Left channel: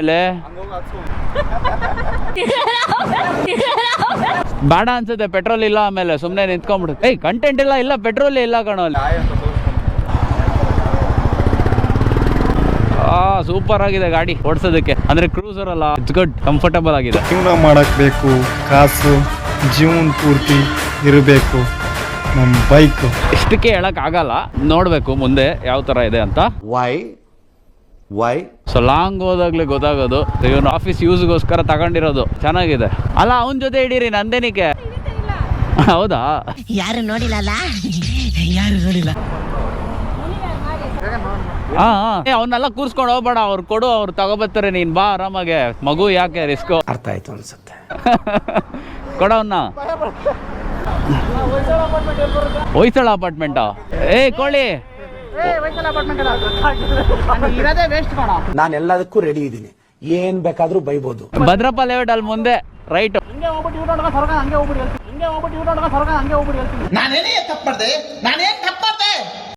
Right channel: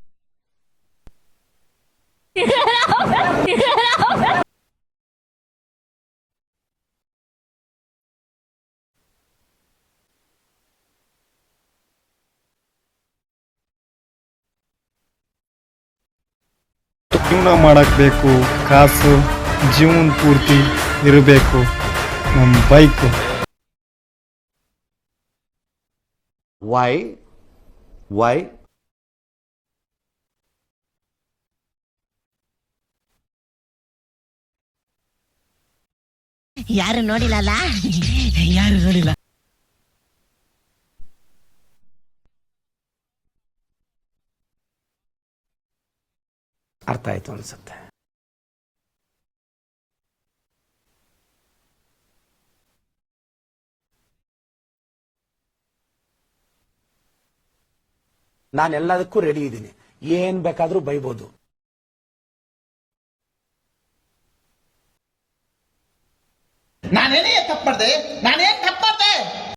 ಆಮೇಲೆ ಬೇಡ ಅನ್ಸುತ್ತೆ, ಪೆಟ್ರೋಲ್ ಇಲ್ಲ. ಆಮೇಲೆ ಸುಮ್ಮನೆ ನಿಂತ್ಕೊಂಡ್ಬಿಡು. ಕಂಟೆಂಟ್ ಇಲ್ಲ ಪೆಟ್ರೋಲ್ ಇಲ್ಲ ಕಣೋ ಅಲ್ಲಿ. ಸೂಪರ್ ಆಗಿದೆ ಗಾಡಿ ಓಡಿಸೋದಕ್ಕೆ. ಅಂದ್ರೆ ಕ್ರೂಸರ್ ಅಲ್ಲ, ಇಟ್ಸ್ ಗುಡ್, ಕಂಫರ್ಟಬಲ್ ಆಗಿದೆ. ಜೀವನ ಮಾಡಕ್ ಬೇಕು ಕಾಸು, ಜೀವನ ಪೂರ್ತಿ ಇರಬೇಕು ನಮ್ಮ ಬೈಕ್. ಇಷ್ಟಕ್ಕೆ ಹೇಳಕ್ ಆಗಲ್ಲ, ನೋಡ್ಬೇಕು ಮುಂದೆ ಯಾವ ತರ ಇದೆ ಅಂತ. ವೈ ಸೊ ಲಾಂಗ್ ಹೋದಾಗ್ಲೇ ಗೊತ್ತಾಗೋದು. ಇವನು ಆಫೀಸ್ ಯೂಸ್ಗೋಸ್ಕರ ತಗೊಂಡಿರೋದು. ಚೆನ್ನಾಗಿದೆ ಅಲ್ಲ, ಅವನ ಜೊತೆ ಹಿಡೀರಿ, ನಂದೇನಿಕೆ. ಹೌದಾ, ಯಾರು ನೋಡಿಲ್ಲ. ಯಾರು ನೋಡಿಲ್ಲ. ಅವನ್ನೆಲ್ಲ ಕೂರ್ಸ್ಕೊಂಡು ಹೋಗ್ಬೇಡ, ಅವ್ರು ಕೊಡು, ಅವ್ರು ತಗೋಬರ್ತಾರೆ, ನೀನ್ ಬಾ ಆರಾಮಾಗೆ. ಮಗು ಯಾಕೆ ರಿಸ್ಕ್. ಅರ್ಥ ಆಯ್ತು ಅನ್ಸುತ್ತೆ. ಕೊಡವನ್ನ. ಹೊಯ್ಸಳ ಅಪಾರ್ಟ್ಮೆಂಟಾ? ಕೋಳಿ, ನಾನು ಎಲ್ಲದಕ್ಕೂ ರೆಡಿ ಇದ್ದೀನಿ, ಏನ್ ಬೇಕಾದ್ರೂ ಬೈಬೋದು. ಭದ್ರಪ್ಪ ಲೇಔಟ್ ಅಲ್ಲಿ ಮುಂದೆ ರೈಟ್. ನಾನೇನೇ ತಪ್ಪು ಮಾಡಿದೆ, ನಾನೇನ್ ತಪ್ಪು ಮಾಡಿದೆ.